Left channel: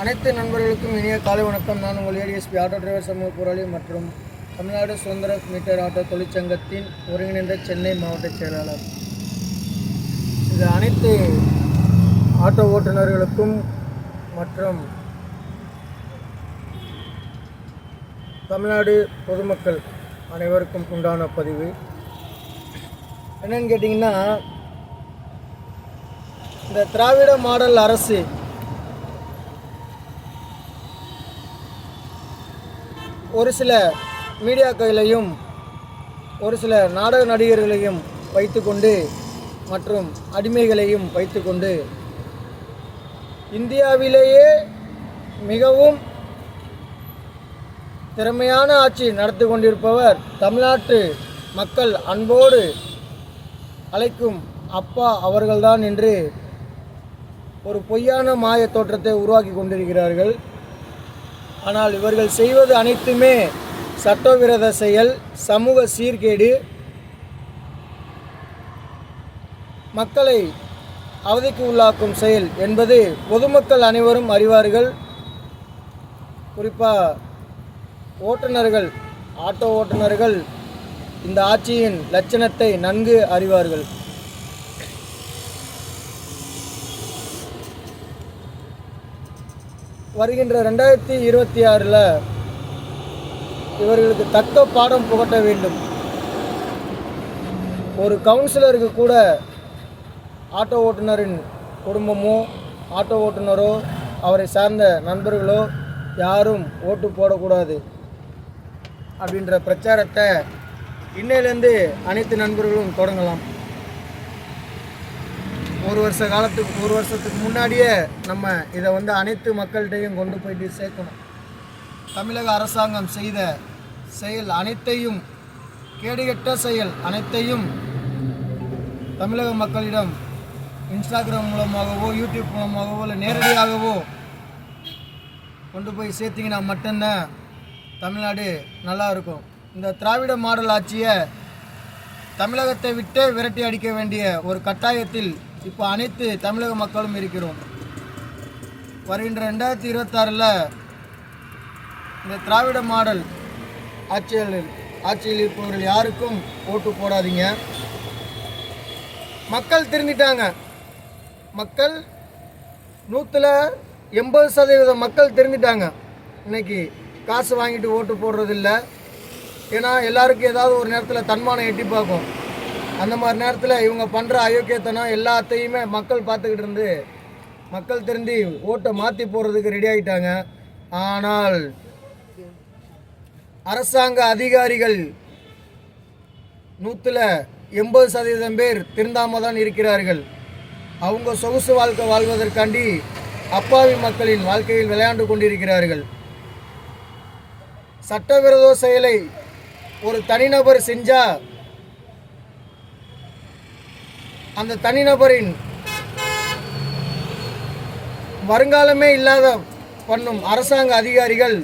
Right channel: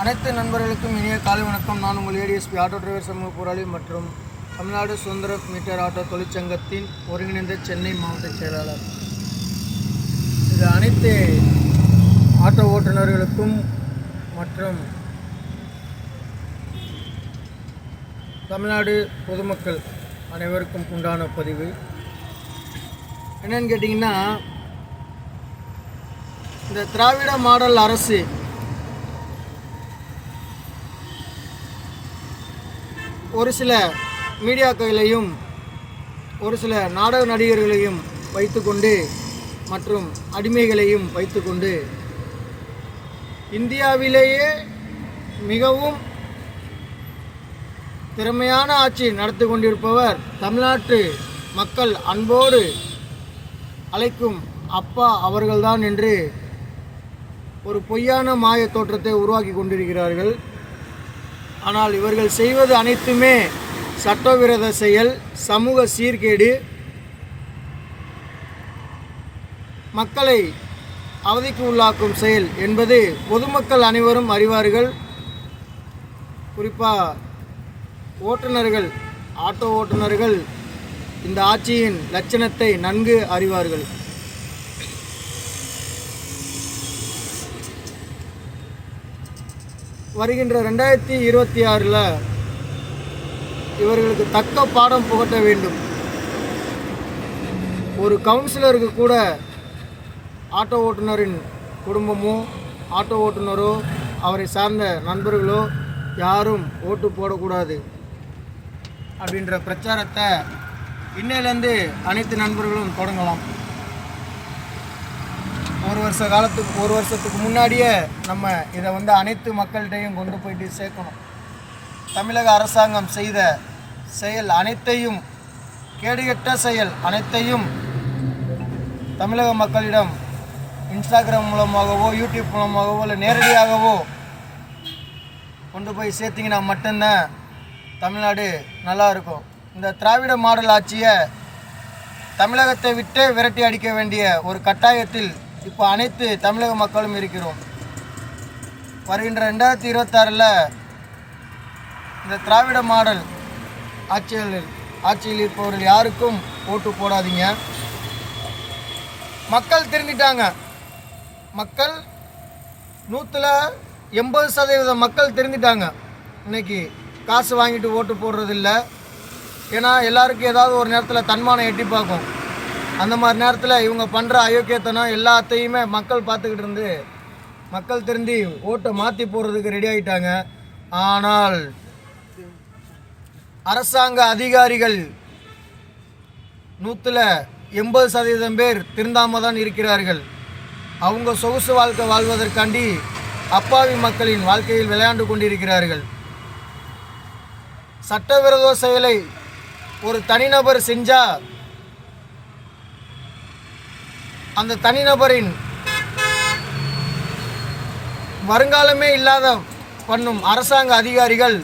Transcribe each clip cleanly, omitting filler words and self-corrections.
அனைத்து நண்பர்களுக்கும் இனிய காலை வணக்கம். நான் உங்கள் ஏடிஎஸ்பி ஆட்டோ டிரைவர் சமூக போராளி மற்றும் தமிழ்நாடு சுதந்திர மீட்டர் ஆட்டோ தொழிற்சங்கத்தின் ஒருங்கிணைந்த சென்னை மாவட்ட செயலாளர். இது அனைத்து ஆட்டோ ஓட்டுநர்களுக்கும் மற்றும் தமிழ்நாடு பொதுமக்கள் அனைவருக்கும் உண்டான பதிவு. என்னன்னு கேட்டிங்கன்னா, இந்த திராவிட மாடல் அரசு ஒரு சில மீடியாக்களையும் ஒரு சில நாடக நடிகர்களையும் வைத்துக்கொண்டு மற்றும் அடிமைகளையும் வைத்துக்கொண்டு இந்தியாவிலேயே மிகவும் திறமையான ஆட்சி நடத்தி கொண்டிருப்பவர் தமிழ்நாட்டு மக்கள் அன்போடு அழைக்கும் அப்பா அவர்கள்தான் என்று ஒரு பொய்யான மாய தோற்றத்தை உருவாக்கி கொண்டிருக்கிறார்கள். ஆனால் இவர்கள் செய்வது அனைத்துமே சட்டவிரோத செயல், சமூக சீர்கேடு, மக்களை அவதிக்கு உள்ளாக்கும் செயல் என்பது பொதுமக்கள் அனைவரும் அறிவார்கள். குறிப்பாக ஓட்டுநர்கள், ஆட்டோ ஓட்டுநர்கள் இந்த ஆட்சியின் லட்சணத்தை நன்கு அறிவார்கள். வருகின்ற 2026 இவர்களுக்கு தக்க பாடம் புகட்ட வேண்டும். ஒரு கவுன்சிலருக்கு கூட ஆட்டோ ஓட்டுநரின் குடும்பமோ ஆட்டோ ஓட்டுநரோ அவரை சார்ந்த நண்பர்களோ யாரும் ஓட்டு போடக்கூடாது அப்படின்ற பிரச்சாரத்தை இன்னையிலேருந்து அனைத்து நண்பர்களும் தொடங்கலாம். ஒரு வருஷத்துக்கு முன்னாடியே நம்ம இதை அனைத்து மக்கள்கிட்டையும் கொண்டு போயிட்டு சேர்க்கணும். தமிழக அரசாங்கம் செய்த செயல் அனைத்தையும், கேடுகெட்ட செயல் அனைத்தையும் தமிழக மக்களிடம் இன்ஸ்டாகிராம் மூலமாகவோ யூடியூப் மூலமாகவோ இல்லை நேரடியாகவோ கொண்டு போய் சேர்த்திங்கன்னா மட்டும்தான் தமிழ்நாடு நல்லா இருக்கும். இந்த திராவிட மாடல் ஆட்சியை தமிழகத்தை விட்டே விரட்டி அடிக்க வேண்டிய ஒரு கட்டாயத்தில் இப்போ அனைத்து தமிழக மக்களும் இருக்கிறோம். வருகின்ற 2026 இந்த திராவிட மாடல் ஆட்சியில் இருப்பவர்கள் யாருக்கும் ஓட்டு போடாதீங்க. மக்கள் திருந்திட்டாங்க. மக்கள் 180% மக்கள் திருந்திட்டாங்க. இன்னைக்கு காசு வாங்கிட்டு ஓட்டு போடுறதில்ல. ஏன்னா எல்லாருக்கும் ஏதாவது ஒரு நேரத்தில் தன்மானம் எட்டி பார்க்கும். அந்த மாதிரி நேரத்தில் இவங்க பண்ணுற அயோக்கியத்தனம் எல்லாத்தையுமே மக்கள் பார்த்துக்கிட்டு இருந்து மக்கள் திருந்தி ஓட்டை மாற்றி போடுறதுக்கு ரெடி ஆகிட்டாங்க. ஆனால் அரசாங்க அதிகாரிகள் 180% பேர் திருந்தாமல் தான் இருக்கிறார்கள். அவங்க சொகுசு வாழ்க்கை வாழ்வதற்காண்டி அப்பாவி மக்களின் வாழ்க்கையில் விளையாண்டு கொண்டிருக்கிறார்கள். சட்டவிரோத செயலை ஒரு தனிநபர் செஞ்சால் அந்த தனிநபரின் வருங்காலமே இல்லாத பண்ணும் அரசாங்க அதிகாரிகள்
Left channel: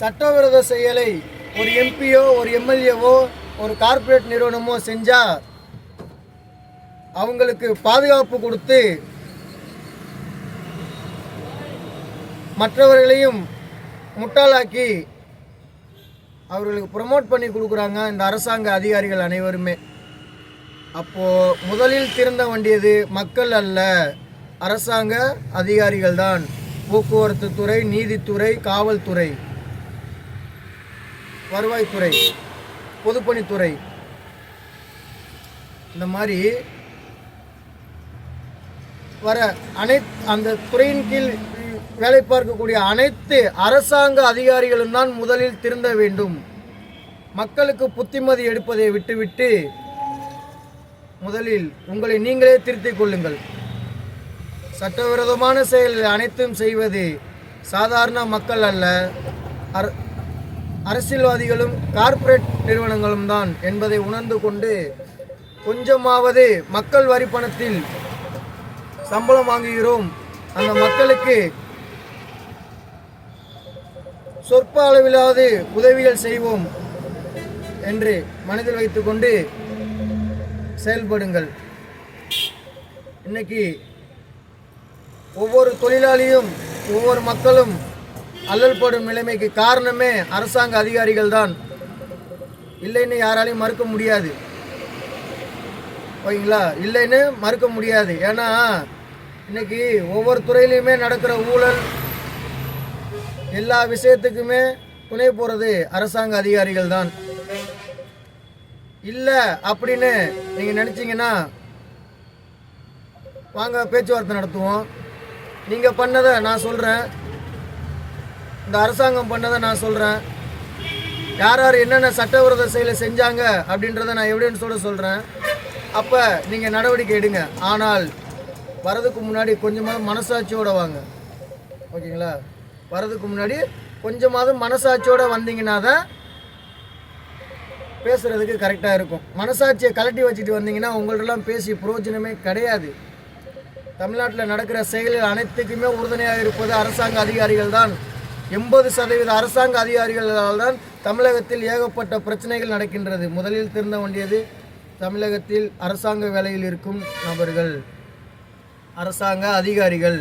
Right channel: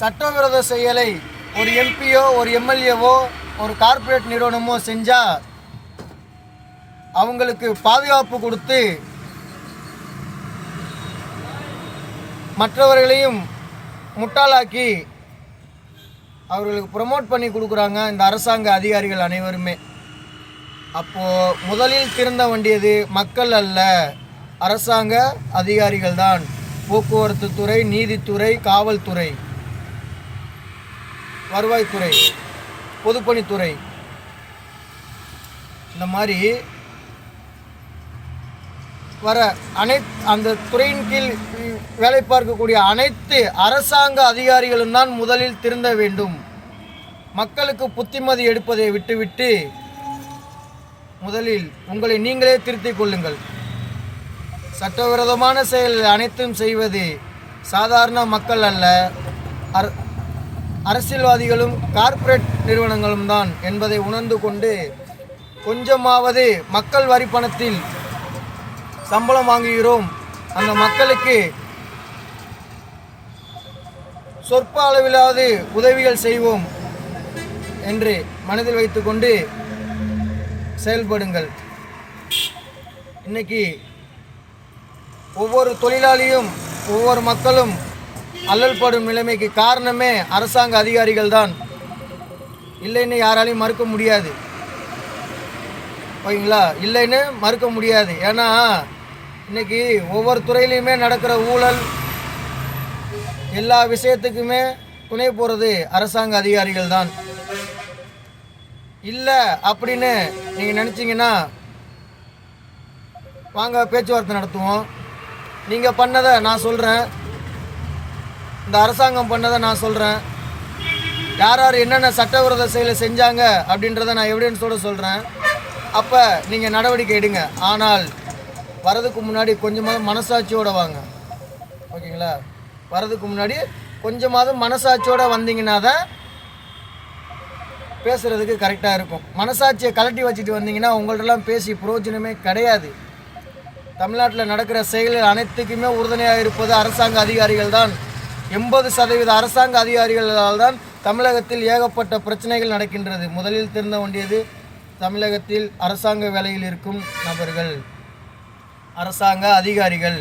சட்டவிரோத செயலை ஒரு எம்பியோ ஒரு எம்எல்ஏவோ ஒரு கார்ப்பரேட் நிறுவனமோ செஞ்சால் அவங்களுக்கு பாதுகாப்பு கொடுத்து மற்றவர்களையும் முட்டாளாக்கி அவர்களுக்கு ப்ரமோட் பண்ணி கொடுக்குறாங்க இந்த அரசாங்க அதிகாரிகள் அனைவருமே. அப்போது முதலில் திருந்த வேண்டியது மக்கள் அல்ல, அரசாங்க அதிகாரிகள் தான். போக்குவரத்து துறை, நீதித்துறை, காவல்துறை, வருவாய்த்துறை, பொதுப்பணித்துறை, இந்த மாதிரி வர அந்த துறையின் கீழ் வேலை பார்க்கக்கூடிய அனைத்து அரசாங்க அதிகாரிகளும் தான் முதலில் திருந்த வேண்டும். மக்களுக்கு புத்திமதி எடுப்பதை விட்டுவிட்டு முதலில் உங்களை நீங்களே திருத்திக் கொள்ளுங்கள். சட்டவிரோதமான செயல் அனைத்தும் செய்வது சாதாரண மக்கள் அல்ல, அரசியல்வாதிகளும் கார்ப்பரேட் நிறுவனங்களும் தான் என்பதை உணர்ந்து கொண்டு கொஞ்சமாவது மக்கள் வரி பணத்தில் சம்பளம் வாங்குகிறோம், அந்த மக்களுக்கு சொற்ப அளவிலாவது உதவிகள் செய்வோம் என்று மனதில் வைத்துக்கொண்டு செயல்படுங்கள். இன்னைக்கு ஒவ்வொரு தொழிலாளியும் ஒவ்வொரு மக்களும் அல்லல்படும் நிலைமைக்கு காரணமே அரசாங்க அதிகாரிகள் தான், இல்லைன்னு யாராலையும் மறுக்க முடியாது. ஓகேங்களா? இல்லைன்னு மறுக்க முடியாது. ஏன்னா இன்னைக்கு ஒவ்வொரு துறையிலையுமே நடக்கிற ஊழல், எல்லா விஷயத்துக்குமே துணை போகிறது அரசாங்க அதிகாரிகள் தான். இல்லை அப்படின்னு நீங்கள் நினச்சிங்கன்னா வாங்க பேச்சுவார்த்தை நடத்துவோம். நீங்கள் பண்ணதை நான் சொல்கிறேன், இந்த அரசாங்கம் பண்ணதை நான் சொல்கிறேன், யார் யார் என்னென்ன சட்டவிரோத செயலை செஞ்சாங்க அப்படின்றத நான் எவிடன்ஸோடு சொல்கிறேன். அப்போ நீங்கள் நடவடிக்கை எடுங்க. ஆனால் வரதுக்கு முன்னாடி கொஞ்சமாவது மனசாட்சியோடு வாங்க. ஓகேங்களா? வரதுக்கு முன்னாடி கொஞ்சமாவது மனசாட்சியோடு வந்தீங்கன்னா தான் பேசுகிறதுக்கு கரெக்டாக இருக்கும். மனசாட்சியை கலட்டி வச்சுட்டு வந்தீங்கன்னா உங்கள்ட்டெல்லாம் பேசி பிரயோஜனமே கிடையாது. தமிழ்நாட்டில் நடக்கிற செயல்கள் அனைத்துக்குமே உறுதுணையாக இருப்பது அரசாங்க அதிகாரிகள் தான். 80% அரசாங்க அதிகாரிகளால் தான் தமிழகத்தில் ஏகப்பட்ட பிரச்சனைகள் நடக்கின்றது. முதலில் திருந்த வேண்டியது தமிழகத்தில் அரசாங்க வேலையில் இருக்கும் நபர்கள், அரசாங்க அதிகாரிகள்.